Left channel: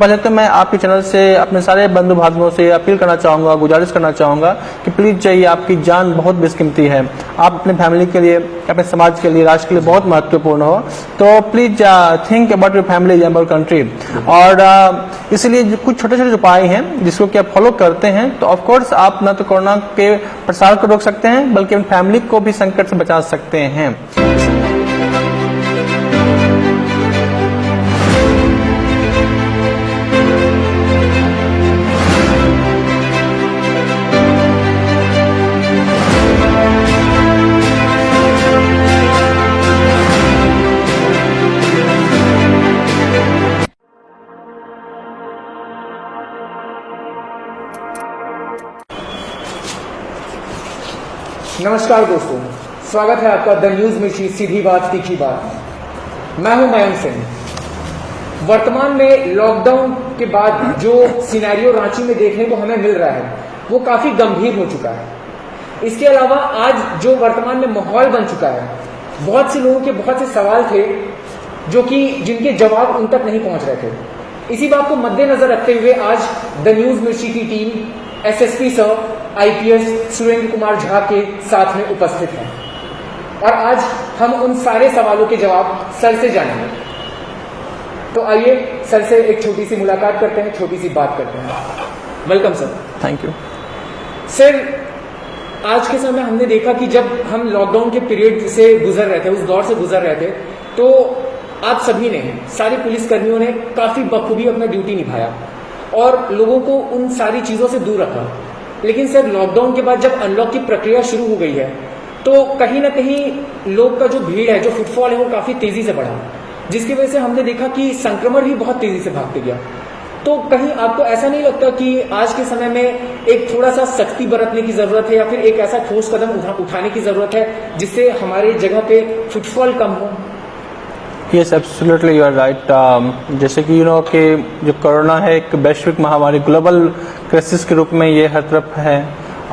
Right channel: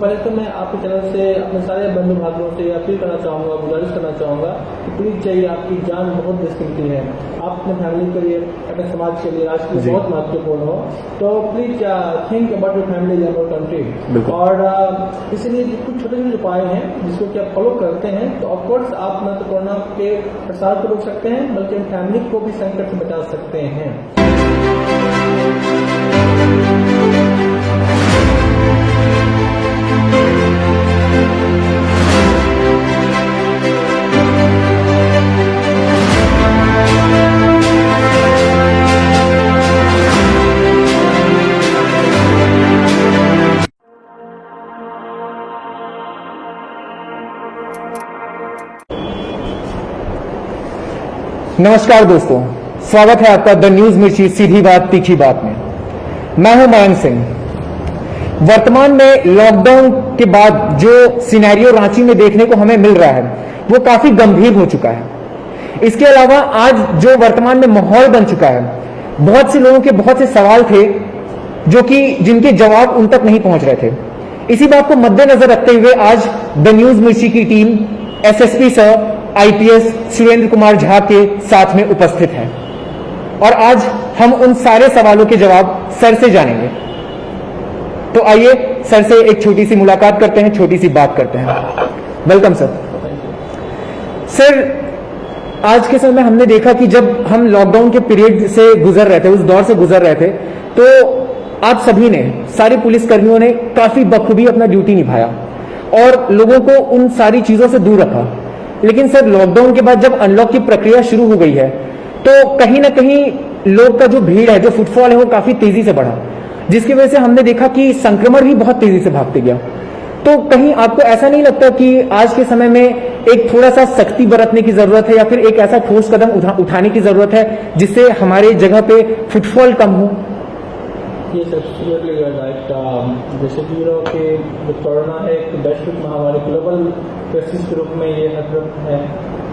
पहले तो मैं आपके चैनल से अपने सारे बंधु भाइयों से अपील करना चाहूँगा, गुजारिश करना चाहूँगा कि प्लीज़ चाहिए, आपकी जान बहुत बेशकीमती है। आप अपने फैमिली के लिए, अपने समाज के लिए, राष्ट्र के लिए बहुत महत्वपूर्ण हो। तो please think about your family and your country. और इसलिए कुछ छोटे छोटे उपाय हैं जिसको कि आप फॉलो करते हैं तो ऑफकोर्स आप न तो कोरोना के प्रसार को रोक सकते हैं बल्कि अपनी फैमिली को भी संकट से बचा सकते हैं। नमस्कार दोस्तों, स्वागत है आपका द न्यूज मिर्ची सीधी बात तीखी बात में। मैं हूं मयंक सिंह। वर्तमान में लॉकडाउन के बाद जो सिनेरियो रांची में देखने को हमें मिल रहा है वो काफी गंभीर हो चुका है। इसके अलावा आज जो वर्तमान में माहौल बन चुका है, बहुत से लोगों के बहुत से सवाल थे जो कि जिनके जवाब उन तक नहीं पहुंच रहे थे। इसी बात को मद्देनजर रखते हुए आज द न्यूज मिर्ची की team SSP sir IPS Surendra Kumar Jha के साथ में उपस्थित है और आज हम उन सारे सवालों के जवाब सर से जानेंगे। तो आइए सर से एक छोटी सी मुलाकात करते हैं, छोटी सी बात करते हैं। Welcome sir. Thank you sir. आज के समय हमने देखा कि जब हम लॉकडाउन के पीरियड से गुजर रहे थे, उस दौर से गुजर रहे थे, तो आप सभी ने, सारे पुलिसकर्मियों ने काफी बखूबी अपना ड्यूटी निभाया और लोगों को उन सारी चीजों से दूर रखा। लेकिन सर, लॉकडाउन के बाद जब अनलॉक की प्रक्रिया शुरू हो गई है तो कहीं ना कहीं लोग का जो भीड़ है, जो फुटफॉल है, वो काफी तेजी से बढ़ा, जिसकी वजह से हमने देखा कि संक्रमण ही बहुत तेजी से भागते गया। तो कहीं आपको ऐसा नहीं लगता कि आज के समय में एक थोड़ा सा सख्ती बरतने की जरूरत है या फिर एक ऐसा ठोस कदम उठाने की जरूरत है जिससे हमारे जगह पे फुटफॉल कम हो? Yes, absolutely you are right. जैसे कि कि जो कोरोना है एक वैश्विक महामारी, ग्लोबल क्राइसिस के रूप में ये हर तरफ है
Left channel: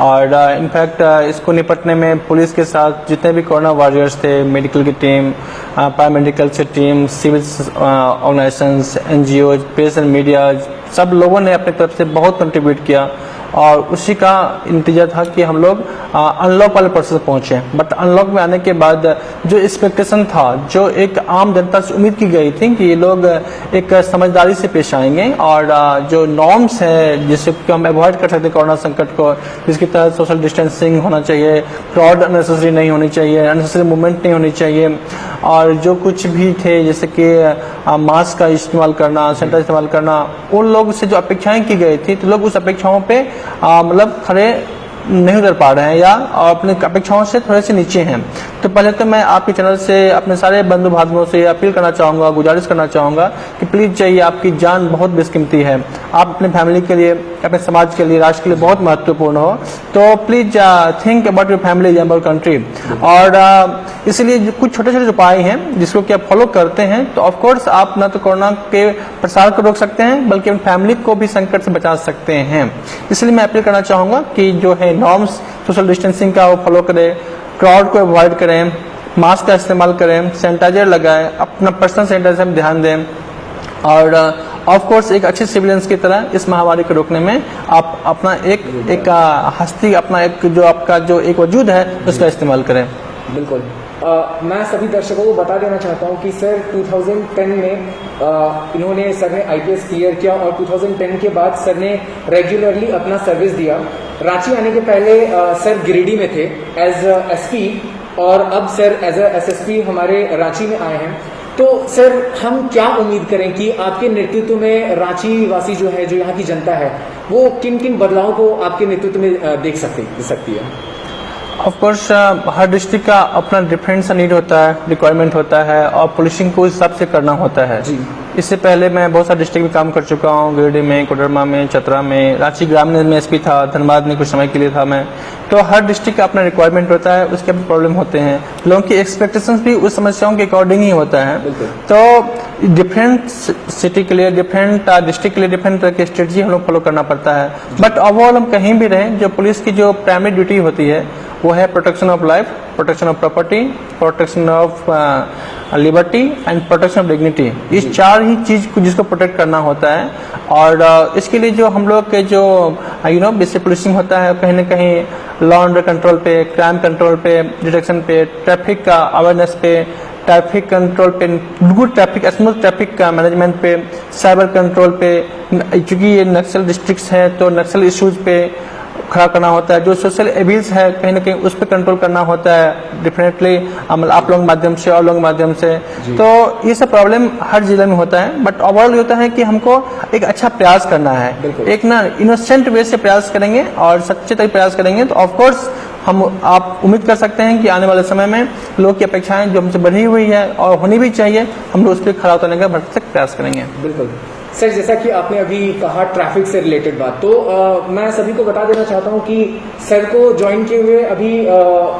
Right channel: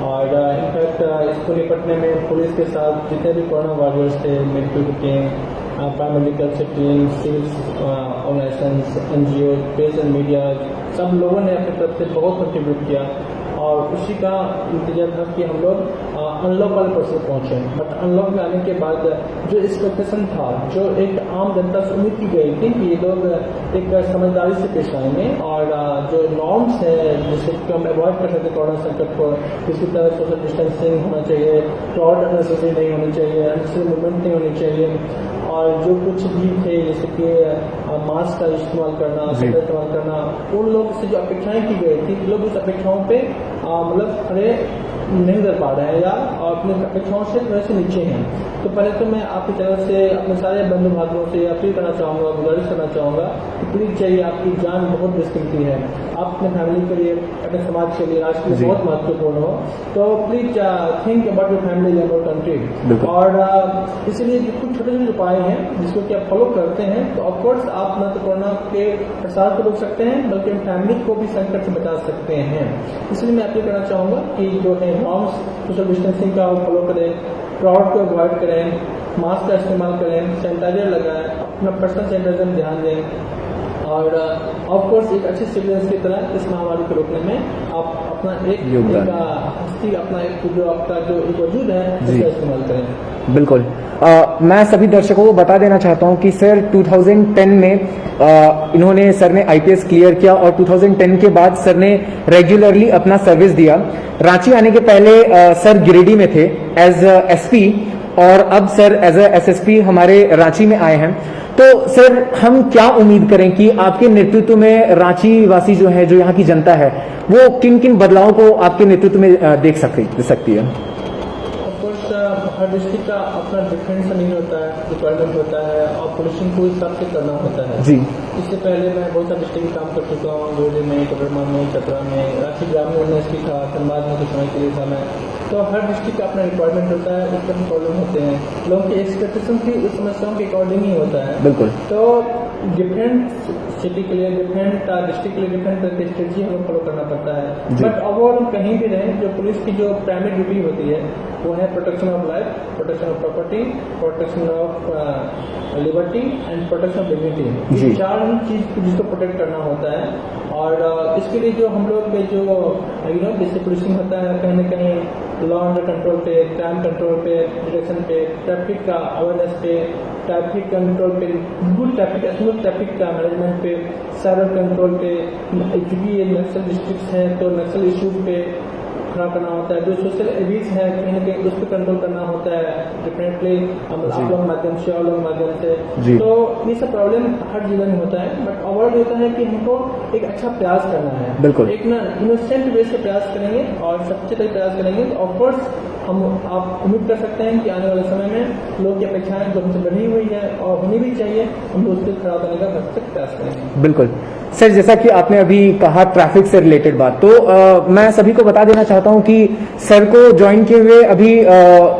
और इनफैक्ट इसको निपटने में पुलिस के साथ जितने भी कोरोना वॉरियर्स थे, मेडिकल की टीम, पैरामेडिकल से team, civil organisations, NGO, press and media, सब लोगों ने अपनी तरफ से बहुत कंट्रीब्यूट किया और उसी का नतीजा था कि हम लोग अनलॉक वाले प्रोसेस पहुंचे। बट अनलॉक में आने के बाद जो एक्सपेक्टेशन था, जो एक आम जनता से उम्मीद की गई थी कि ये लोग एक समझदारी से पेश आएंगे और जो नॉर्म्स है जिससे कि हम अवॉइड कर सकते कोरोना संकट को, जिसकी तहत सोशल डिस्टेंसिंग होना चाहिए, क्राउड अननेसेसरी नहीं होनी चाहिए, अननेसेसरी मूवमेंट नहीं होनी चाहिए और जो कुछ भी थे जैसे कि मास्क का इस्तेमाल करना, सैनिटाइजर इस्तेमाल करना, उन लोग से जो अपेक्षाएं की गई थी तो लोग उस अपेक्षाओं पे मतलब खड़े नहीं उतर पा रहे हैं या अपने अपेक्षाओं से थोड़े से नीचे हैं। तो पहले तो मैं आपके चैनल से अपने सारे बंधु भाइयों से अपील करना चाहूँगा, गुजारिश करना चाहूँगा कि प्लीज़ चाहिए, आपकी जान बहुत बेशकीमती है। आप अपने फैमिली के लिए, अपने समाज के लिए, राष्ट्र के लिए बहुत महत्वपूर्ण हो। तो please think about your family and your country. और इसलिए कुछ छोटे छोटे उपाय हैं जिसको कि आप फॉलो करते हैं तो ऑफकोर्स आप न तो कोरोना के प्रसार को रोक सकते हैं बल्कि अपनी फैमिली को भी संकट से बचा सकते हैं। इसलिए मैं अपील करना चाहूँगा कि जो है नॉर्म्स, सोशल डिस्टेंसिंग का वो फॉलो करें, क्राउड को अवॉइड करें, मास्क का इस्तेमाल करें, सैनिटाइजर लगाएं, अपना पर्सनल सैनिटाइजर में ध्यान दें और ऑफ कोर्स एक अच्छे सिविलियंस की तरह इस महामारी को रोकने में आप अपना एक हस्ती, अपना एक जो आपका जो एक वजूद है उसका इस्तेमाल करें। बिल्कुल। मैं सभी दर्शकों को बता देना चाहता हूं कि सर 2010 में इन्होंने, सर ने आईपीएस क्लियर किया और 2010 के बाद सर ने रेगुलरली अपना सर्विस दिया। रांची आने के पहले सर गिरिडीह में थे एज एसपी और अब सर एज एसएसपी हमारे रांची में आए हैं। तो सर हम क्या उम्मीद करें कि आपके नेतृत्व में रांची वासी जो है, जो यहाँ की जनता है, वो किन किन बदलावों को आपके नेतृत्व में देख सकती है? ऑफ कोर्स हर डिस्ट्रिक्ट का अपना डिफरेंट सा नीड होता है, रिक्वायरमेंट होता है और पुलिसिंग को इस हिसाब से करना होता है जी। इससे पहले मैं बहुत सारे डिस्ट्रिक्ट में काम कर चुका हूँ, गिरिडीह में, कोडरमा में, चतरा में, रांची ग्रामीण में एसपी था, धनबाद में कुछ समय के लिए था मैं। तो हर डिस्ट्रिक्ट का अपना रिक्वायरमेंट होता है, उसके प्रॉब्लम होते हैं, लोगों की एक्सपेक्टेशंस भी उस समस्याओं के अकॉर्डिंग ही होता है। बिल्कुल। तो डिफरेंट सिटी के लिए, डिफरेंट डिस्ट्रिक्ट के लिए डिफरेंट तरह की स्ट्रेटजी हम लोग फॉलो करना पड़ता है। बट ओवरऑल हम कहीं भी रहें, जो पुलिस की जो प्राइमरी ड्यूटी होती है वो है protection of life, protection of property, protection of liberty and protection of dignity. इस चार ही चीज को जिसको प्रोटेक्ट करना होता है। और इसके लिए जो हम लोग के जो बेसिक पुलिसिंग होता है, कहीं ना कहीं लॉ एंड कंट्रोल पे, क्राइम कंट्रोल पे, डिटेक्शन पे, ट्रैफिक का अवेयरनेस पे, ट्रैफिक कंट्रोल पे, गुड ट्रैफिक, स्मूथ ट्रैफिक का मैनेजमेंट पे, साइबर कंट्रोल पे, चूंकि ये नक्सल डिस्ट्रिक्ट्स हैं तो नक्सल इश्यूज पे खड़ा करना होता है। जो सोशल एबिल्स है कहीं ना कहीं उस पर कंट्रोल करना होता है डेफिनेटली आप लोगों के माध्यम से और लोगों के माध्यम से। तो ये सब प्रॉब्लम हर जिले में होता है। बट ओवरऑल ये होता है कि हमको एक अच्छा प्रयास करना है, एक ना इनोसेंट वे से प्रयास करेंगे और सच्चे तक प्रयास करेंगे तो ऑफकोर्स आप उम्मीद कर सकते हैं कि आने वाले समय में लोग की अपेक्षाएं जो हमसे बढ़ी हुई है और होनी भी चाहिए, हम लोग उस पर खड़ा उतरने का भरसक प्रयास करेंगे। बिल्कुल सर, जैसा कि आपने अभी कहा ट्रैफिक से रिलेटेड बात, तो मैं सभी को बता देना चाहता हूं कि सर को ज्वाइन किए हुए अभी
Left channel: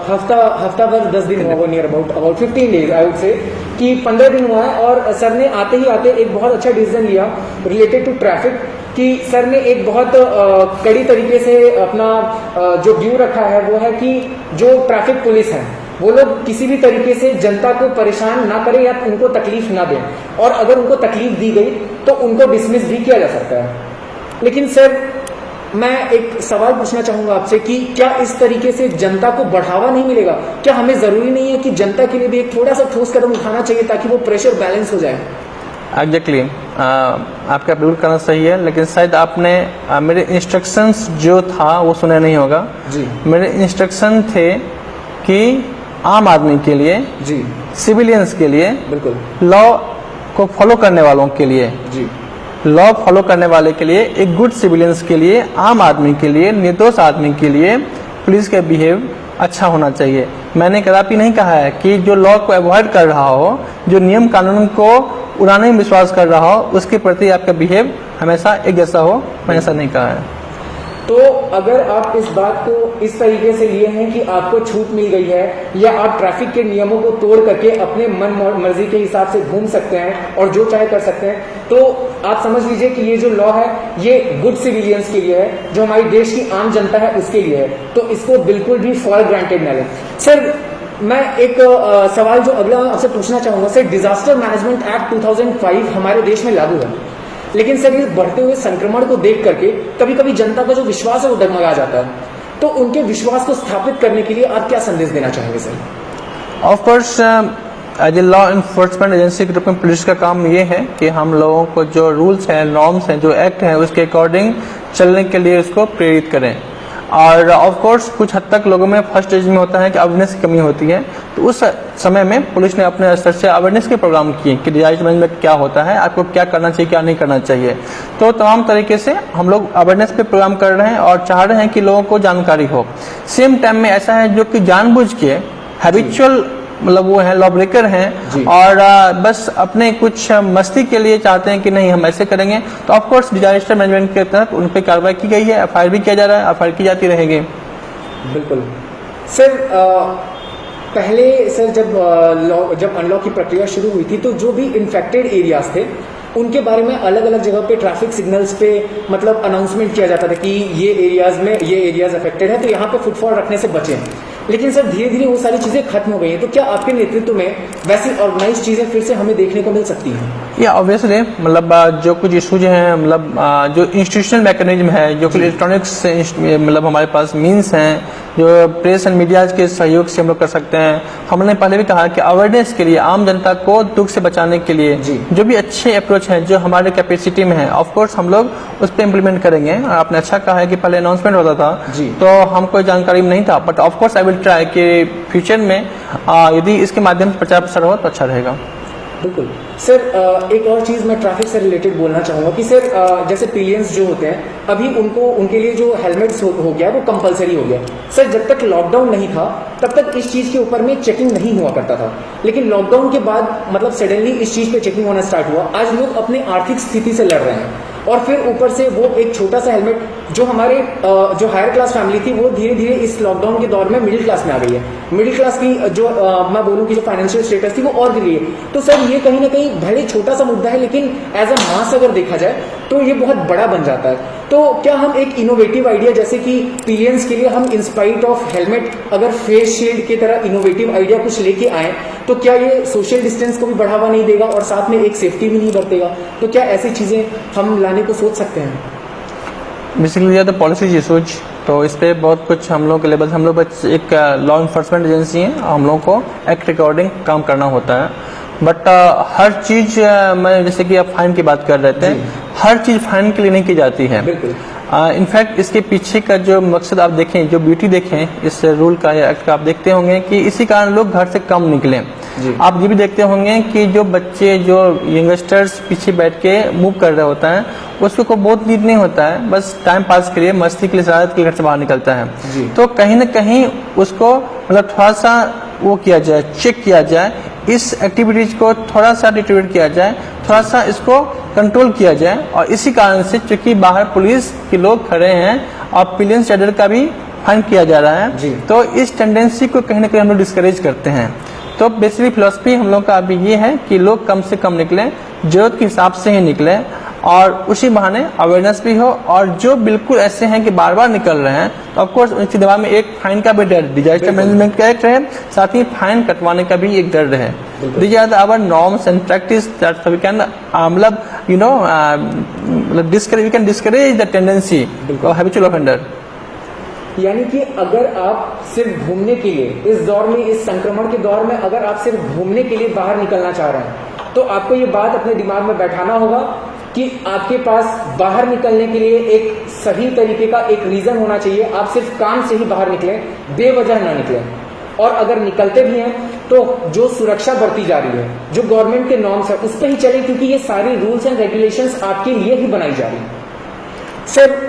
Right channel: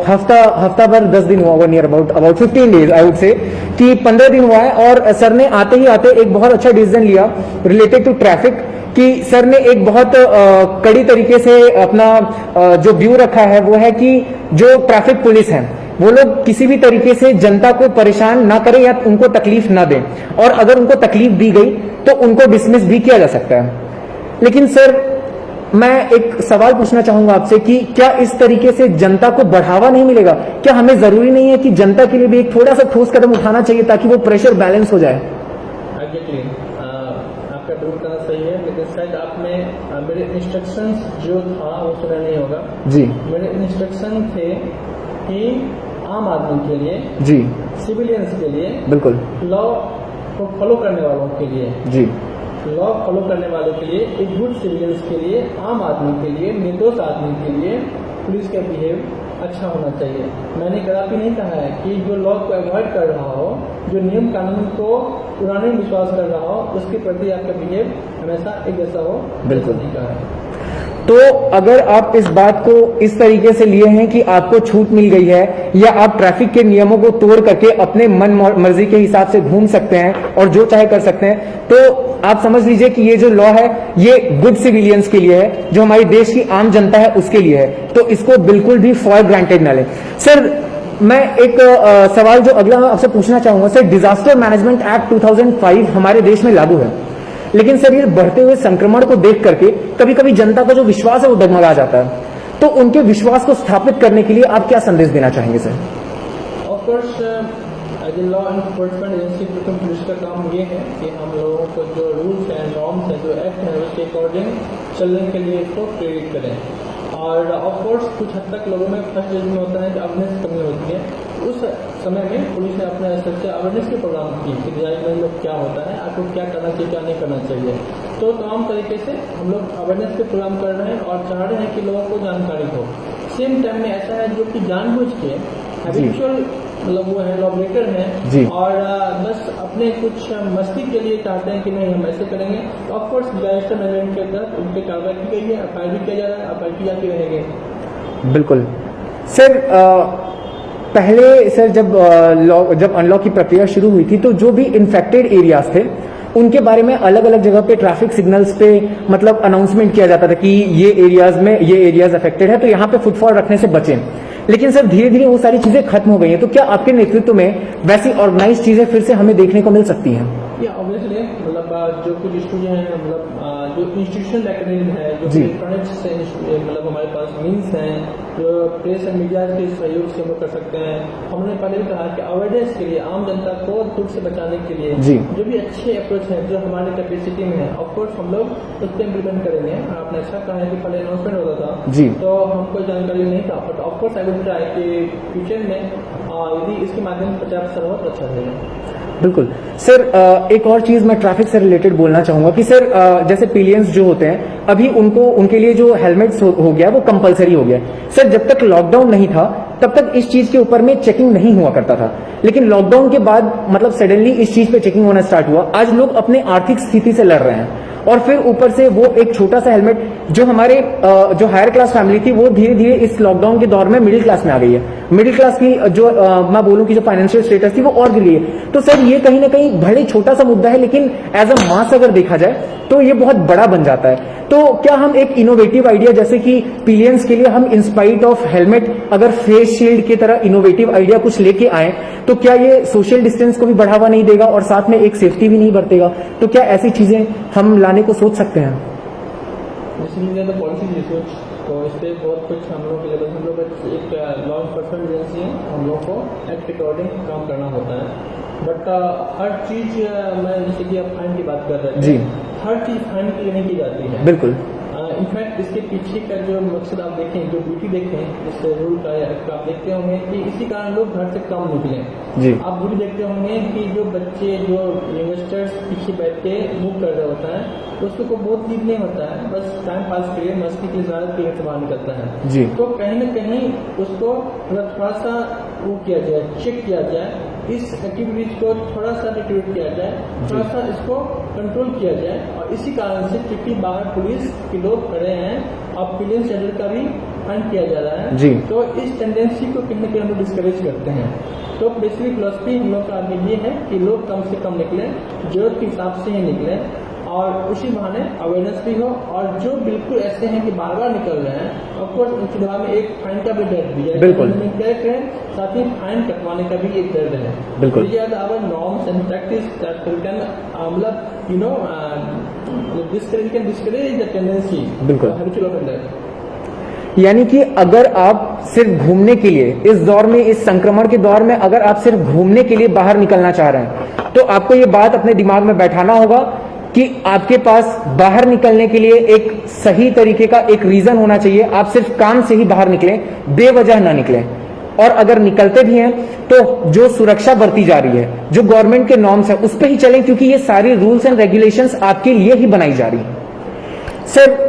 हफ्ता भर 10 दिन हुआ, near about 15 days I would say, कि 15 दिन हुआ है। और सर ने आते ही आते एक बहुत अच्छा डिसीजन लिया रिलेटेड टू ट्रैफिक, कि सर ने एक बहुत कड़ी तरीके से अपना जो व्यू रखा है वो है कि जो ट्रैफिक पुलिस है वो लोग किसी भी तरीके से जनता को परेशान ना करें या उनको तकलीफ ना दें, और अगर उनको तकलीफ दी गई तो उनको डिसमिस भी किया जा सकता है। लेकिन सर मैं एक सवाल पूछना चाहूंगा आपसे कि क्या इस तरीके से जनता को बढ़ावा नहीं मिलेगा? क्या हमें जरूरी नहीं है कि जनता के लिए भी एक थोड़ा सा ठोस कदम उठाना चाहिए ताकि वो प्रेशर बैलेंस हो जाए? एग्जैक्टली आपका बिल्कुल करना सही है, लेकिन शायद आपने मेरे इंस्ट्रक्शंस जो था वो सुना नहीं होगा जी। मेरे इंस्ट्रक्शन थे कि आम आदमी के लिए जी, सिविलियंस के लिए, बिल्कुल लॉ को फॉलो करने वालों के लिए जी, लॉ फॉलो करने वाले के लिए, एक गुड सिविलियंस के लिए, आम आदमी के लिए, निर्दोष आदमी के लिए पुलिस का बिहेव अच्छा होना चाहिए। मैंने कदापि नहीं कहा है कि जो लॉ को अवॉइड कर रहा हो, जो नियम कानून को उड़ाने में विश्वास कर रहा हो, उसके प्रति आपका बिहेव हमेशा एक जैसा हो, मैंने ऐसा नहीं कहा है। तो अगर आप इस बात को इस तरीके से लिए हैं कि आपको छूट मिल गई है या आप ट्रैफिक के नियमों को तोड़ करके अपने मन मर्जी के हिसाब से घूम सकते हैं और जो चाहे कर सकते हैं, तो आप समझ लीजिए कि ये जो लॉ है ये गुड सिविलियंस के लिए है, जो हमारी देश की आम जनता है उसके लिए है, तो इसको बिल्कुल भी फॉर ग्रांटेड ना लें। सर मैं एक सवाल जो अगला आपसे पूछना चाहूंगा, सर डिजास्टर मैनेजमेंट एक्ट 2005 हमारे देश में लागू है, लेकिन सर ये बढ़ते हुए संक्रमण को देख करके कभी कभी जनता का जो विश्वास है वो डगमगा जाता है, तो उनके विश्वास को स्थापित करने के लिए आप क्या संदेश देना चाहेंगे सर? Of course as a law enforcement agency के रूप में पुलिस का काम ये है कि हम लोगों को जो रूल्स हैं, नॉर्म्स हैं, जो एक्ट हैं उसके अकॉर्डिंग चलने के लिए उसको प्रेरित करें। और ऑफ कोर्स कुछ हद तक लोगों में फर्स्ट स्टेज में होता है कि अवेयरनेस की कमी होती है, तो उस समय में पुलिस ने अपने स्तर से अवेयरनेस के प्रोग्राम किए कि डिजास्टर मैनेजमेंट क्या होता है, आपको क्या करना चाहिए, क्या नहीं करना चाहिए। तो तमाम तरीके से हम लोग अवेयरनेस पे प्रोग्राम कर रहे हैं और चाह रहे हैं कि लोगों को जानकारी हो। सेम टाइम में ऐसा है जो कि जानबूझ के हैबिचुअल मतलब वो है लॉ ब्रेकर हैं और बस अपने कुछ मस्ती के लिए चाहते हैं कि नहीं हम ऐसे करेंगे, तो ऑफ कोर्स डिजास्टर मैनेजमेंट के तहत उन पर कार्रवाई की गई है, एफआईआर भी किया जा रहा है, एफआईआर की जाती रहेगी। बिल्कुल सर, पहले सर जब अनलॉक की प्रक्रिया शुरू हुई थी तो जो भी इन्फेक्टेड एरियाज थे उनके बारे में अलग अलग जगह पे ट्रैफिक सिग्नल्स पे मतलब अनाउंसमेंट किया जाता था कि ये एरियाज अफेक्टेड है तो यहाँ पे फुटफॉल रखने से बचें। लेकिन सर धीरे धीरे वो सारी चीजें खत्म हो गई हैं, तो क्या आपके नेतृत्व में वैसी ऑर्गेनाइज चीजें फिर से हमें देखने को मिल सकती हैं? या ऑब्वियसली मतलब जो कुछ इशूज हैं, मतलब जो इंस्टीट्यूशनल मैकेनिज्म है, जो कि इलेक्ट्रॉनिक्स मतलब हमारे पास मीन्स हैं, जो प्रेस एंड मीडिया के सहयोग से हम लोग कर सकते हैं। हमने पहले भी कहा कि अवेयरनेस के लिए, आम जनता को दुख से बचाने के लिए जो भी अच्छे अप्रोच है जो हमारे कैपेसिटी में है, ऑफ कोर्स हम लोग उस पर इम्प्लीमेंट करेंगे। आपने अच्छा कहा है कि पहले अनाउंसमेंट होता था तो हमको जानकारी नहीं था, but of course I will try कि फ्यूचर में यदि इसके माध्यम से प्रचार प्रसार हो तो अच्छा रहेगा। बिल्कुल सर, एक और चीज मैं ट्रैफिक से रिलेटेड बोलना चाहूंगा कि सर जैसे पिलियंस जो होते हैं अभी उनके लिए जो हेलमेट्स हो गया वो कंपलसरी हो गया। सर जब तक लॉकडाउन नहीं था तब तक इस चीज के ऊपर में चेकिंग नहीं हुआ करता था, लेकिन लॉकडाउन के बाद मतलब सडनली इस चीज पे चेकिंग होना स्टार्ट हुआ। आज लोग अपने आर्थिक स्थिति से लड़ रहे हैं और फिर ऊपर से वो एक छोटा सा हेलमेट जो हमारे जो हायर क्लास फैमिली थी वो धीरे धीरे इस लॉकडाउन के दौर में मिडिल क्लास में आ गई है। मिडिल क्लास की जो मैं बोलूं कि जो फाइनेंशियल स्टेटस थी वो और गिरी है। तो सर ये कहीं ना कहीं भले छोटा सा मुद्दा है, लेकिन एज अ मास अगर देखा जाए तो ये बहुत बड़ा बन जाता है। तो क्या हम एक इनोवेटिव आइडिया जैसे कि पिलियंस के लिए हम इंस्पाइट ऑफ हेलमेट अगर फेस शील्ड की तरह इनोवेटिव आइडिया कुछ लेके आए तो क्या ये सोशल डिस्टेंस को भी बढ़ावा नहीं देगा और साथ में एक सेफ्टी भी नहीं बरतेगा? तो क्या ऐसी चीजें हम लाने को सोच सकते हैं? बेसिकली द पॉलिसीज इशूज, तो इस पर बहुत कुछ हम लोग के लेवल, हम लोग बस एक लॉ इन्फोर्समेंट एजेंसी है, हम लोग को एक्ट अकॉर्डिंग काम करना होता है। बट हर चीज़ मैं जैसे कि आप फाइन की बात कर रहे थे, हर चीज़ फाइन के लिए नहीं की जाती है। बिल्कुल। इनफैक्ट इसके पीछे का जो मकसद आप देखें, जो ब्यूटी देखें इस रूल का या एक्ट का, आप देखते होंगे कि इसी कारण लोग घर से कम निकले। आप ये भी देखते होंगे कि जो बच्चे, जो यंगस्टर्स पीछे बैठ के मूव कर रहे होता है, उसको को बहुत नीड नहीं होता है, बस टाइम पास के लिए, मस्ती के लिए, शरारत के लिए घर से बाहर निकलता है। तो कहीं ना कहीं उसको मतलब थोड़ा सा वो किया जाए, चेक किया जाए, इस एक्टिविटीज को थोड़ा सा डिटेक्ट किया जाए, थोड़ा सा इसको कंट्रोल किया जाए। और इसी कारण से चूंकि बाहर पुलिस के लोग खड़े हैं और पिलियंस चार्जर का भी फाइन किया जा रहा है, तो इस टेंडेंसी को कहीं ना कहीं हम लोग डिस्करेज करते हैं। तो बेसिकली फिलॉसफी हम लोग का अभी ये है कि लोग कम से कम निकलें, जरूरत के हिसाब से ही निकलें, और उसी बहाने अवेयरनेस भी हो। और जो बिल्कुल ऐसे हैं कि बार बार निकल रहे हैं, तो ऑफकोर्स उनके दिमाग में एक फाइन का भी डर, डिजास्टर मैनेजमेंट का एक रहे, साथ ही फाइन कटवाने का भी एक डर रहे। These are our norms and practice that we can मतलब you know we can discourage the tendency of habitual offender. यानी कि अगर आप सिर्फ घूमने के लिए इस दौर में, इस संक्रमण के दौर में अगर आप सिर्फ घूमने के लिए बाहर निकलना चाह रहे हैं, तो आपको ये बात अपने दिमाग में बैठाना होगा कि आपके पास बाहर निकलने के लिए एक सही तरीके का एक रीजन होना चाहिए। आप सिर्फ काम से ही बाहर निकलें, बेवजह ना निकलें। और अगर निकलते भी हैं तो जो सुरक्षा बरती जा रही है, जो गवर्नमेंट के नॉर्म्स है, उस पर ही चलें, क्योंकि ये सारी रूल्स एंड रेगुलेशंस आपके लिए ही बनाई जा रही है। सिर्फ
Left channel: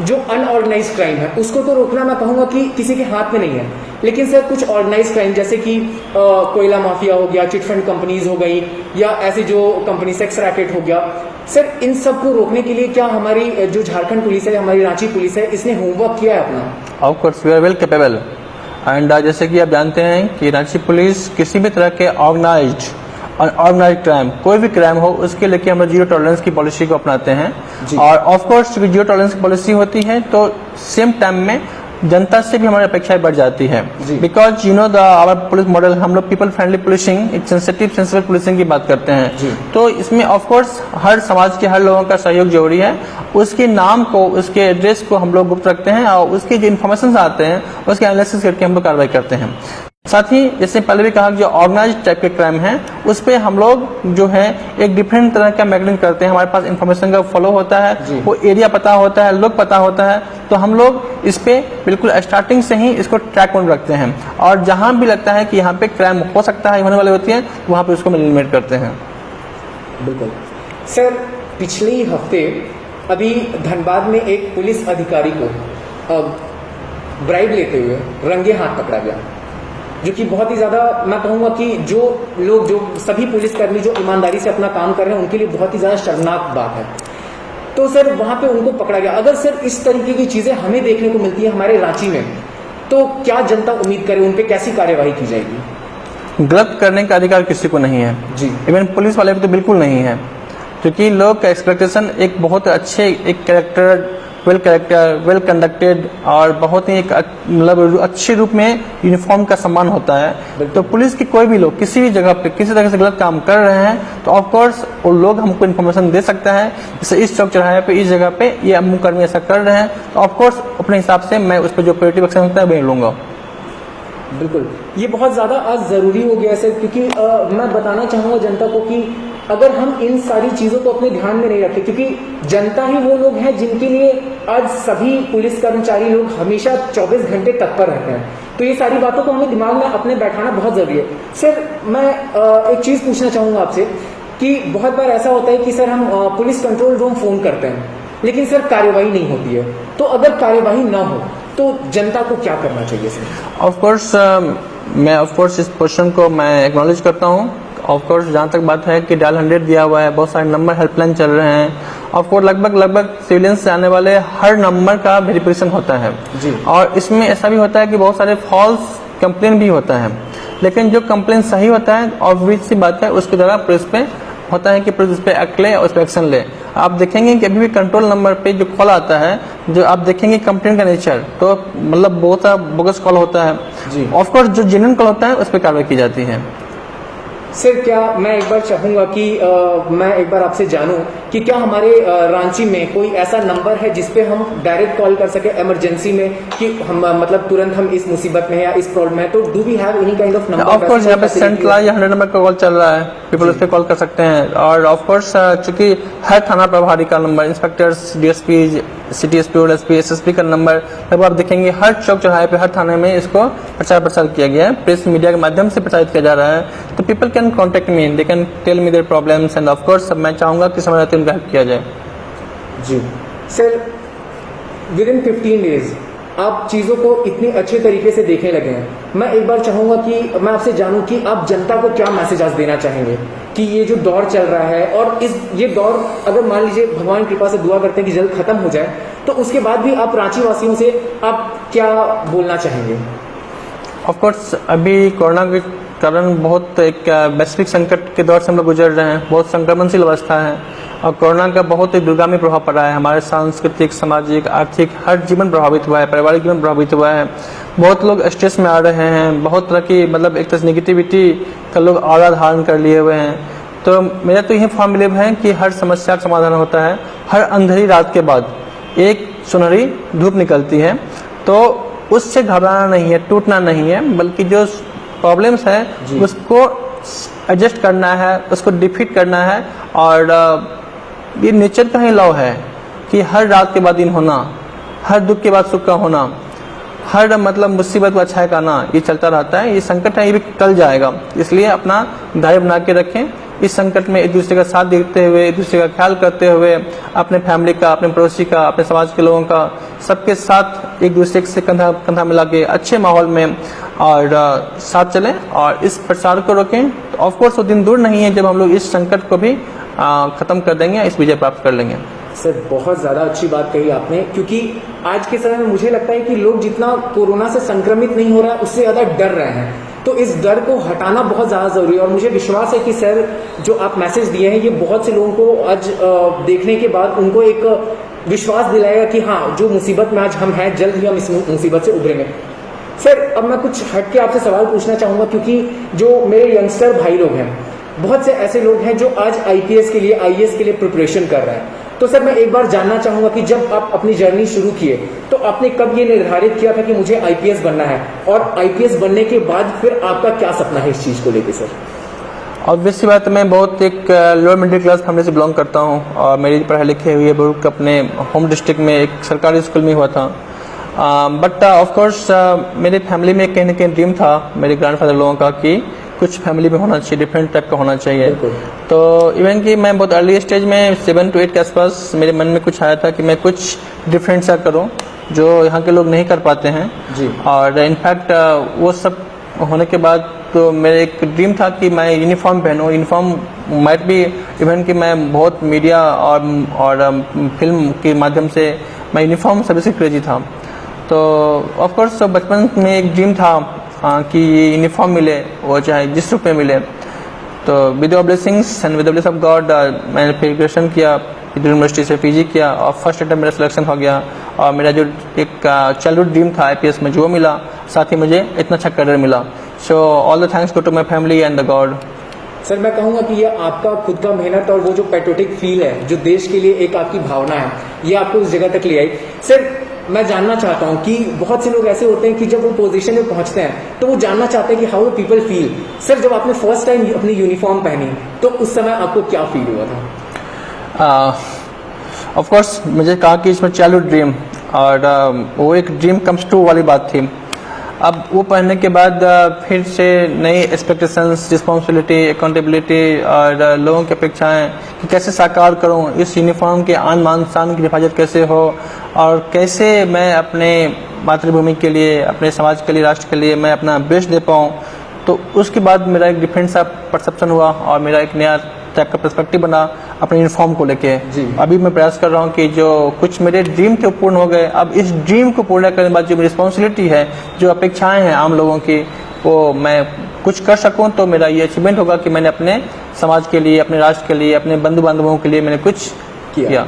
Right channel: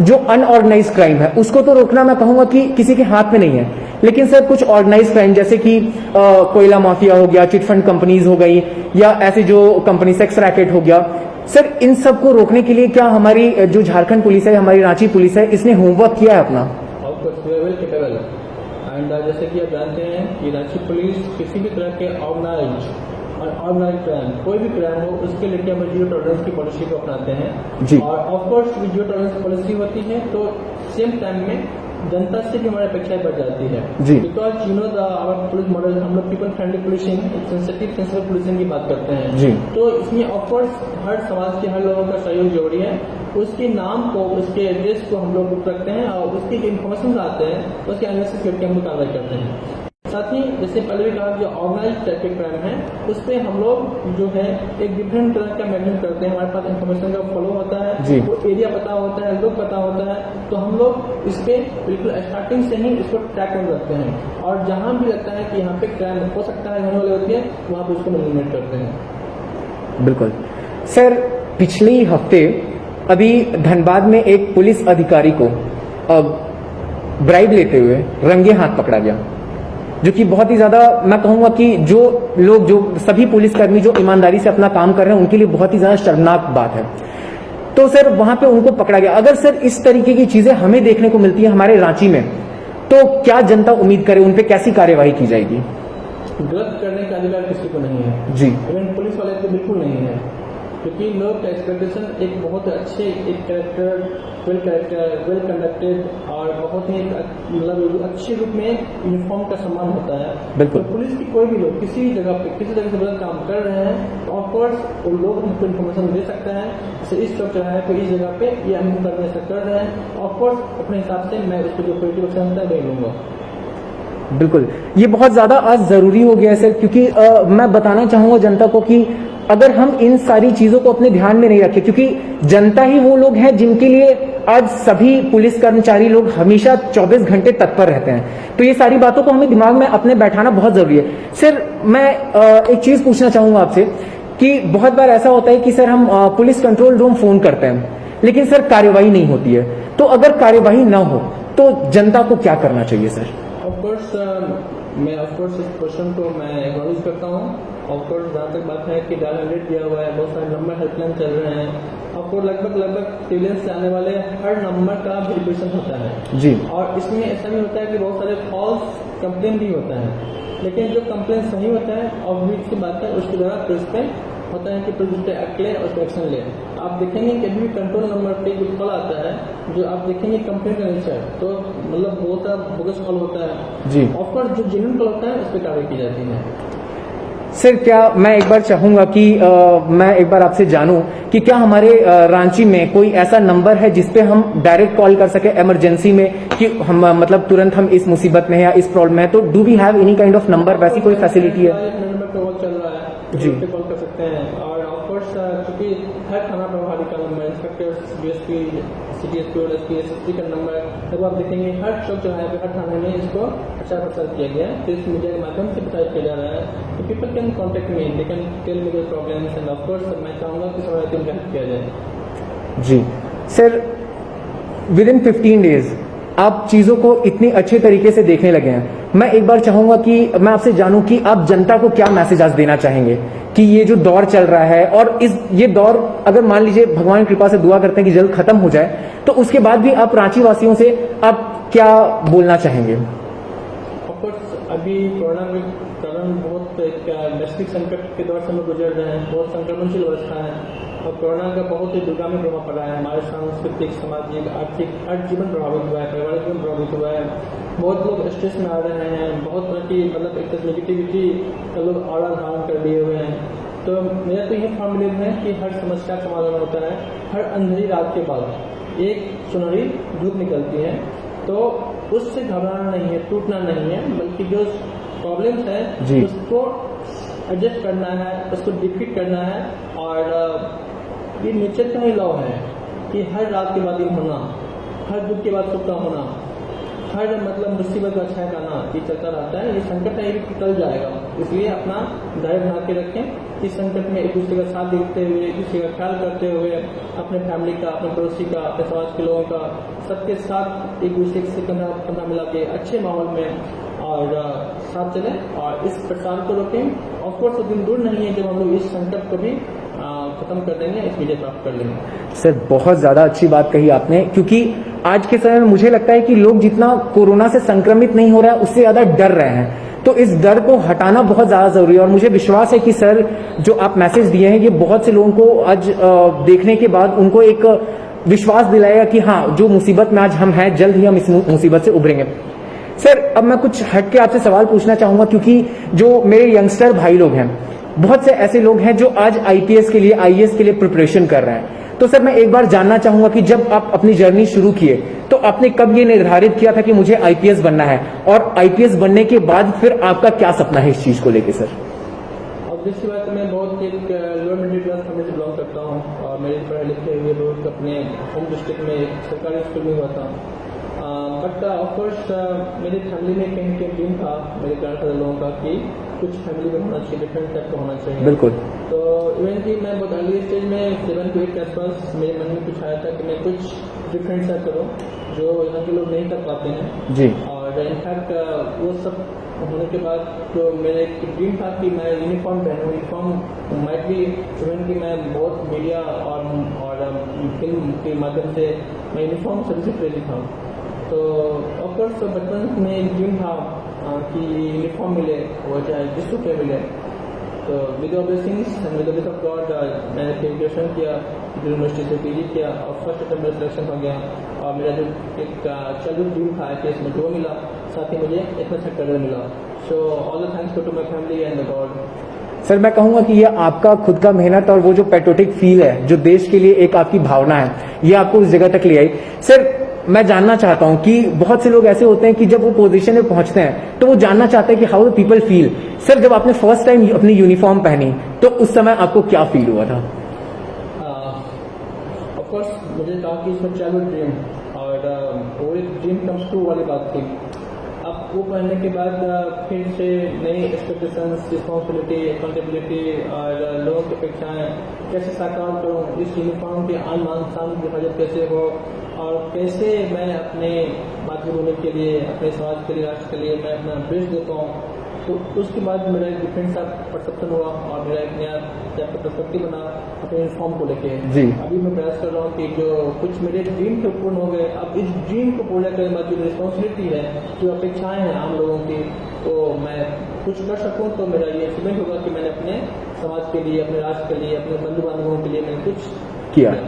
जो अनऑर्गेनाइज क्राइम है उसको तो रोकना मैं कहूंगा कि किसी के हाथ में नहीं है, लेकिन सर कुछ ऑर्गेनाइज क्राइम जैसे कि कोयला माफिया हो गया, चिटफंड कंपनीज हो गई, या ऐसी जो कंपनी सेक्स रैकेट हो गया, सर इन सब को रोकने के लिए क्या हमारी जो झारखंड पुलिस है, हमारी रांची पुलिस है, इसने होमवर्क किया है अपना? Of course we are well capable. And जैसे कि आप जानते हैं कि रांची पुलिस किसी भी तरह के ऑर्गेनाइज्ड क्राइम, कोई भी क्राइम हो, उसके लेके हम लोग जीरो टॉलरेंस की पॉलिसी को अपनाते हैं। और ऑफ कोर्स जीरो टॉलरेंस की पॉलिसी होती है तो सेम टाइम में जनता से भी हमारी अपेक्षाएं बढ़ जाती है। Because you know the our police model, हम लोग पीपल फ्रेंडली पुलिसिंग, एक सेंसिटिव पुलिसिंग की बात करते हैं। तो इसमें ऑफ कोर्स हर समाज के हर लोगों का सहयोग जरूरी है। उसके नाम को, उसके एड्रेस को हम लोग गुप्त रखते हैं और उसके जो इन्फॉर्मेशन आते हैं उसके एनालिसिस करके हम लोग कार्रवाई करते हैं। साथ ही जैसे पहले भी कहा, जो ऑर्गेनाइज्ड टाइप के क्राइम है उस पे हम लोग जो है एक डिफरेंट तरह का मैगनिंग करते हैं। हमारे पास इन्फॉर्मेशन का फॉलो होता है, वो एरिया पता होता है, लोग पता होता है, तो हम लोग इस पे बिल्कुल स्टार्टिंग से ही इसको ट्रैक में रखते हैं। और जहां भी लगता है कि यहाँ पे क्राइम हो सकता है, होने वाली होती है, वहां पे उसको एलिमिनेट करते हैं। बिल्कुल सर, पिछले ही हफ्ते अभी धनबाद में एक पुलिस अधिकारी को ब्राइब लेते हुए रंगे हाथ पकड़ा गया, जो कि बहुत ही ज्यादा, मैं कहूंगा कि जो लोग, जो सभी पुलिसकर्मी जो ईमानदारी से अपना काम कर रहे हैं, उनके लिए बहुत ही ज्यादा शर्मनाक बात है। तो सर वहां पे उनको पकड़ा गया। अगर सर इस तरीके की चीजें हमें देखने को मिलती है हमारे रांची में, तो क्या जनता उम्मीद करे, उन पे कैसी कार्यवाही की जाएगी? गलत करने का अधिकार किसी को नहीं है जी, इवन पुलिस वाले को तो बिल्कुल नहीं है, क्योंकि लोग का एक्सपेक्टेशन एक बहुत अच्छे, एक कैरेक्टर, वेल कंडक्टेड और बहुत ही एक मतलब अच्छे रूप में यूनिफॉर्म का सम्मान होता है। तो पुलिस के कोई भी लोग किसी भी जगह पे किसी तरह से गलत काम कर रहे हैं तो ऑफ कोर्स वो लोग हमको इन्फॉर्मेशन दे सकता है, जैसे इस चौक चौराहे पे, इस जगह पे ये अमुकर्मी ऐसा कर रहे हैं, तो ऑफ कोर्स अपने हिसाब से मैं उस पर जो प्रिवेंटिव एक्शन होता है वही लूंगा। बिल्कुल, ये बहुत ज्यादा आज जरूरी हो गया है सर, क्योंकि मैं बताना चाहूंगा जनता को कि अगर हम इन सारी चीजों को अपने ध्यान में नहीं रखें, क्योंकि जनता ही वो लोग हैं जिनके लिए आज सभी पुलिस कर्मचारी लोग हमेशा 24 घंटे तत्पर रहते हैं, तो ये सारी बातों को हमें दिमाग में अपने बैठाना बहुत जरूरी है। सर मैं एक चीज पूछना चाहूंगा आपसे कि बहुत बार ऐसा होता है कि सर हम पुलिस कंट्रोल रूम फोन करते हैं, लेकिन सर कार्यवाही नहीं होती है, तो अगर कार्यवाही ना हो तो जनता को क्या करना चाहिए सर? ऑफकोर्स मैं इस क्वेश्चन को मैं एक्नॉलेज करता हूँ। ऑफकोर्स जहाँ तक बात है कि डायल 100 दिया हुआ है, बहुत सारे नंबर हेल्पलाइन चल रहे हैं ऑफकोर्स लगभग सिविलियंस से आने वाले हर नंबर का वेरिफिकेशन होता है जी। और इसमें ऐसा भी होता है कि बहुत सारे फॉल्स कंप्लेन भी होता है, लेकिन जो कंप्लेन सही होता है ऑब्वियस सी बात है उसके द्वारा पुलिस पे होता है कि पुलिस उस पर एक्ट ले और उस पर एक्शन ले। आप देखेंगे कि अभी भी कंट्रोल नंबर पे जो कॉल आता है, जो आप देखेंगे कंप्लेन का नेचर, तो मतलब बहुत सा बोगस कॉल होता है जी। ऑफकोर्स जो जेन्युइन कॉल होता है उस पर कार्रवाई की जाती है। सर क्या मैं एक बार चाहूंगा कि मैं एक बार आपसे जानूं कि क्या हमारे रांची में कोई ऐसा नंबर है जिसपे हम डायरेक्ट कॉल कर सके इमरजेंसी में कि हम मतलब तुरंत हम इस मुसीबत में या इस प्रॉब्लम में, तो do we have any kind of number? Of course यहाँ पे सेंट्रल या 100 नंबर का कॉल चल रहा है, पीपल उस पर कॉल कर सकते हैं। और ऑफकोर्स चूंकि हर थाना प्रभारी का number, inspectors, DSP, city SP और एसपी, एसएसपी का नंबर लगभग आप देखेंगे हर चौक चौराहे पे, हर थाने में इसको प्रचार प्रसार किया गया है, प्रेस मीडिया के माध्यम से प्रचारित किया जा रहा है। तो people can contact me, they can tell me their problems and of course मैं चाहूंगा कि समय रहते उनका हेल्प किया जाए। जी सर, विद इन 15 डेज आप चीजों को इतनी अच्छे तरीके से देखने लगे हैं। मैं एक बार चाहूंगा कि मैं आपसे जानूं कि आप जनता को क्या मैसेज आज देना चाहेंगे कि ये जो दौर चल रहा है और ये दौर अगर मान लीजिए भगवान कृपा से दुआ करते हैं कि जल्द खत्म हो जाए, तो उसके बाद भी आप रांची वासियों से आप क्या बोलना चाहेंगे? ऑफकोर्स अभी कोरोना के कारण बहुत एक वैश्विक संकट के दौर से हम लोग गुजर रहे हैं, बहुत संक्रमणशील अवस्था है और कोरोना का बहुत ही दूरगामी प्रभाव पड़ा है। हमारे सांस्कृतिक, सामाजिक, आर्थिक हर जीवन प्रभावित हुआ है, पारिवारिक जीवन प्रभावित हुआ है। बहुत लोग स्ट्रेस में आ रहे हैं, बहुत तरह की मतलब एक तरह से निगेटिविटी का लोग आड़ा धारण कर लिए हुए हैं। तो मेरा तो यही फॉर्म बिलीव है कि हर समस्या का समाधान होता है, हर अंधेरी रात के बाद एक सुनहरी धूप निकलती है। तो उससे घबराना नहीं है, टूटना नहीं है, बल्कि जो प्रॉब्लम्स है उसको एडजस्ट करना है, उसको डिफीट करना है। और ये नेचर का ही लॉ है कि हर रात के बाद दिन होना, हर दुख के बाद सुख का होना, हर मतलब मुसीबत का अच्छा का आना, ये चलता रहता है। ये संकट है, ये भी टल जाएगा, इसलिए अपना धैर्य बना के रखें। इस संकट में एक दूसरे का साथ देते हुए, एक दूसरे का ख्याल करते हुए, अपने फैमिली का, अपने पड़ोसी का, अपने समाज के लोगों का, सबके साथ एक दूसरे से कंधा कंधा मिला के अच्छे माहौल में और साथ चलें और इस प्रसार को रोकें। ऑफकोर्स वो दिन दूर नहीं है जब हम लोग इस संकट को भी खत्म कर देंगे, इस विजय प्राप्त कर लेंगे। सर बहुत ज्यादा अच्छी बात कही आपने, क्योंकि आज के समय में मुझे लगता है कि लोग जितना कोरोना से संक्रमित नहीं हो रहा है उससे ज्यादा डर रहे हैं। तो इस डर को हटाना बहुत ज्यादा जरूरी है और मुझे विश्वास है कि सर जो आप मैसेज दिए हैं ये बहुत से लोगों को आज देखने के बाद उनको एक विश्वास दिलाएगा कि हाँ, जो मुसीबत में आज हम हैं जल्द ही हम इस मुसीबत से उभरेंगे। सर अब मैं कुछ हट के आपसे सवाल पूछना चाहूंगा, क्योंकि जो मेरे यंगस्टर भाई लोग हैं, बहुत से ऐसे लोग हैं जो आज आईपीएस के लिए, आईएएस के लिए प्रिपरेशन कर रहे हैं। तो सर मैं एक बार जानना चाहूंगा कि जब आप अपनी जर्नी शुरू किए तो आपने कब ये निर्धारित किया था कि मुझे आईपीएस बनना है, और आईपीएस बनने के बाद फिर आपका क्या सपना है इस चीज को लेके? सर ऑब्वियसली बात है, मैं बहुत एक लोअर मिडिल क्लास फैमिली से बिलोंग करता हूँ और मेरी पढ़ाई लिखी हुई है बुक अपने होम डिस्ट्रिक्ट में एक सरकारी स्कूल में हुआ था। बट ऑफकोर्स मेरे फैमिली में कहीं ना कहीं ड्रीम था मेरे ग्रैंडफादर लोगों का कि कुछ फैमिली में होना चाहिए, डिफरेंट टाइप का होना चाहिए। तो इवन कि मैं बहुत अर्ली स्टेज में 7 to 8 के आसपास मेरे मन में कुछ आया था कि मैं कुछ डिफरेंट सा करूं जो यहाँ के लोग नहीं कर पाते हैं जी। और इनफैक्ट वो सब होने के बाद तो मेरा एक ड्रीम था कि मैं यूनिफॉर्म पहनूं। यूनिफॉर्म माइट भी इवन कि मैं बहुत मीडिया और फिल्म के माध्यम से मैं यूनिफॉर्म सर्विस से क्रेजी था। तो ऑफकोर्स बचपन में एक ड्रीम था कि ये यूनिफॉर्म मिले, वो चाहे जिस रूप में मिले। तो with your blessings and with the bless of God मैंने फिर ग्रेजुएशन किया, यूनिवर्सिटी से पीजी किया और फर्स्ट अटेम्प्ट मेरा सिलेक्शन हो गया और मेरा जो एक चाइल्डहुड ड्रीम था आईपीएस में जो मिला, साथ ही मुझे इतना अच्छा करियर मिला। So all the thanks go to my family and the God. Sir मैं कहूंगा कि ये आपका खुद का मेहनत और वो जो पैट्रियोटिक फील है, जो देश के लिए एक आपकी भावना है, ये आपको उस जगह तक ले आई। सर मैं जानना चाहता हूं कि बहुत से लोग ऐसे होते हैं कि जब वो पोजीशन में पहुंचते हैं तो वो जानना चाहते हैं कि how do people feel. Sir जब आपने फर्स्ट टाइम अपनी यूनिफॉर्म पहनी तो उस समय आपको क्या फील हुआ था? ऑफ कोर्स मुझे कहा कि इसमें चाइल्डहुड ड्रीम और वो एक ड्रीम कम्स ट्रू वाली बात थी। अब वो पढ़ने के बाद फिर से नई एक्सपेक्टेशंस, रिस्पॉन्सिबिलिटी, अकाउंटेबिलिटी और लोगों की अपेक्षाएं कि कैसे साकार करूं, इस यूनिफॉर्म के आन मान शान की हिफाजत कैसे हो और कैसे मैं अपने मातृभूमि के लिए, अपने समाज के लिए, राष्ट्र के लिए मैं अपना बेस्ट दे पाऊँ। तो उसके बाद मेरा एक डिफरेंट सा परसेप्शन हुआ और मेरा एक नया टाइप का पर्सपेक्टिव बना अपने यूनिफॉर्म को लेके। जी। अभी मैं प्रयास कर रहा हूँ कि जो कुछ मेरे ड्रीम थे वो पूर्ण हो गए, अब इस ड्रीम को पूर्ण करने के बाद जो मेरी रिस्पॉन्सिबिलिटी है, जो अपेक्षाएं हैं आम लोगों की, वो मैं कुछ कर सकूं, तो मेरा ये अचीवमेंट होगा कि मैंने अपने समाज के लिए, अपने राष्ट्र के लिए, अपने बंधु बांधवों के लिए मैंने कुछ किया।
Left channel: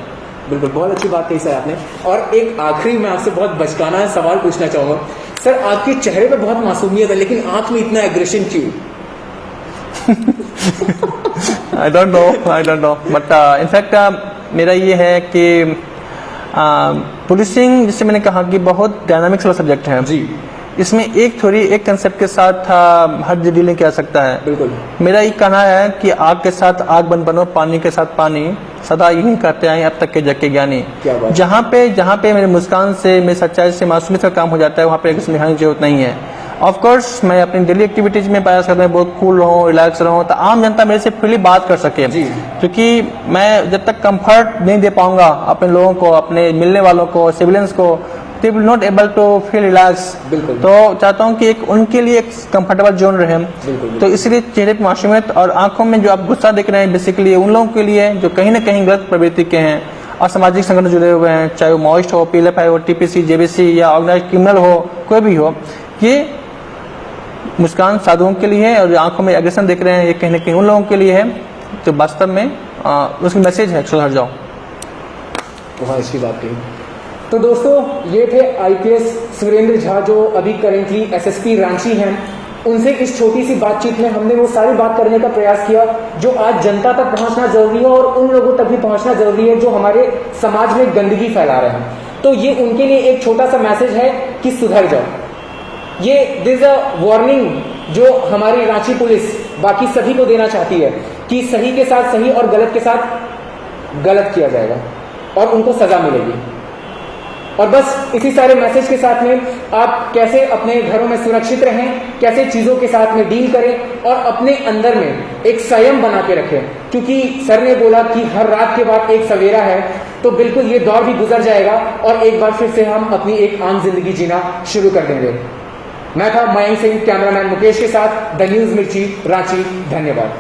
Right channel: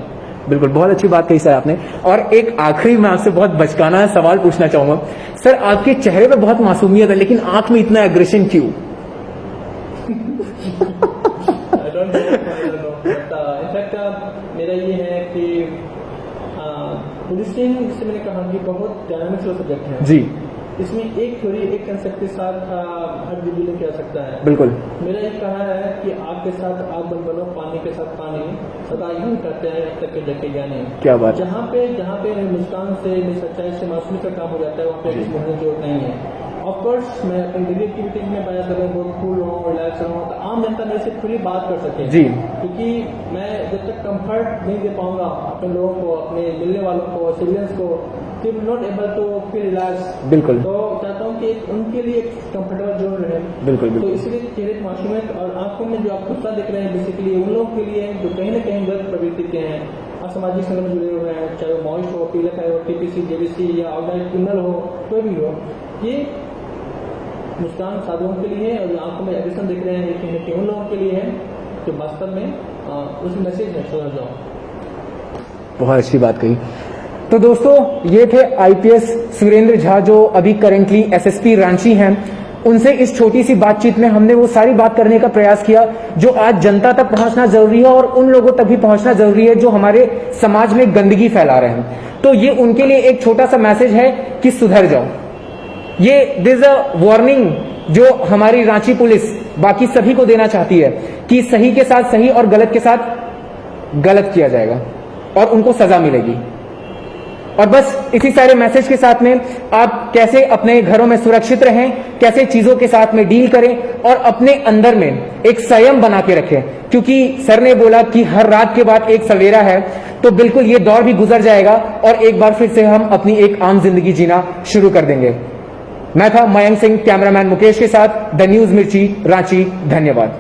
बिल्कुल, बहुत अच्छी बात कही सर आपने। और एक आखिरी मैं आपसे बहुत बचकाना सवाल पूछना चाहूंगा सर, आपके चेहरे पे बहुत मासूमियत है लेकिन आंख में इतना एग्रेशन क्यों? I don't know but in fact मेरा ये है कि पुलिसिंग, जिससे मैंने कहा कि बहुत डायनामिक्स वाला सब्जेक्ट है जी, इसमें एक थ्योरी, एक कंसेप्ट के साथ हर डीलिंग किया सकता है। बिल्कुल। मेरा ये कहना है कि आग के साथ आग बन बनो, पानी के साथ पानी, सदा यही कहते आए अब तक के जग के ज्ञानी। क्या बात। जहाँ पे मेरी मुस्कान से, मेरी सच्चाई से मासूमियत का काम हो जाता है, वहाँ पे एक दिखाने की जरूरत नहीं है। ऑफ कोर्स मैं अपनी डेली एक्टिविटीज में प्रयास करता हूँ बहुत कूल रहूँ, रिलैक्स रहूँ, तो आम जनता मेरे से फ्रीली बात कर सके। क्योंकि मैं जब तक कंफर्ट नहीं दे पाऊंगा अपने लोगों को, अपने मिलने वालों को, सिविलियंस को, they will not able to feel relaxed। बिल्कुल। तो चाहता हूँ कि एक उनके लिए एक कंफर्टेबल जोन रहे। बिल्कुल। तो इसलिए चेहरे पर मासूमियत और आंखों में जो आप गुस्सा देख रहे हैं, बेसिकली उन लोगों के लिए जो कहीं ना कहीं गलत प्रवृत्ति के हैं और सामाजिक संगठन जुड़े हुए हैं, चाहे वो माओइस्ट हो, PLFI हो, TPC, JBC या ऑर्गेनाइज क्रिमिनल हो, कोई भी हो, ये मुस्कान साधुओं के लिए है। और जो आंखों में एग्रेशन देख रहे हैं, ये कहीं ना कहीं उन लोगों के लिए है तो वास्तव में उसकी मैसेज है, सुधर जाओ। बहुत अच्छी बात कही। तो दोस्तों, ये थे IPS सुरेंद्र झा, जो अभी करेंटली SSP रांची हैं। उनसे इस छोटी सी बातचीत में हमने वो सारी बात करने का प्रयास किया जो आज जनता तक पहुंचना जरूरी है और उन लोगों तक भी पहुंचना जरूरी है जो हमारे समाज में गंदगी फैला रहे हैं। तो ये उनके लिए एक छोटा सा मैसेज है कि सुधर जाओ। ये दिस अ वार्निंग जो हमारी रांची पुलिस बाकी सभी को देना चाहती है कि सही के साथ सही और गलत के साथ गलत किया जाएगा और उनको सजा मिलेगी। और बस इसी सारे मैसेज के साथ में आप कैसे अपने घरों में सुरक्षित रहें, कैसे चीजों के साथ में डील करें और अपने अंदर में एक संयम बना के रखें, क्योंकि सर ने बोला कि हर रात के बाद एक सवेरा है। तो बिल्कुल ये दौर भी गुजर जाएगा और एक बार फिर से हम अपनी एक आम जिंदगी जीना शुरू कर देंगे। मैं था मयंक सिंह, कैमरामैन मुकेश के साथ, द न्यूज मिर्ची, रांची। धन्यवाद।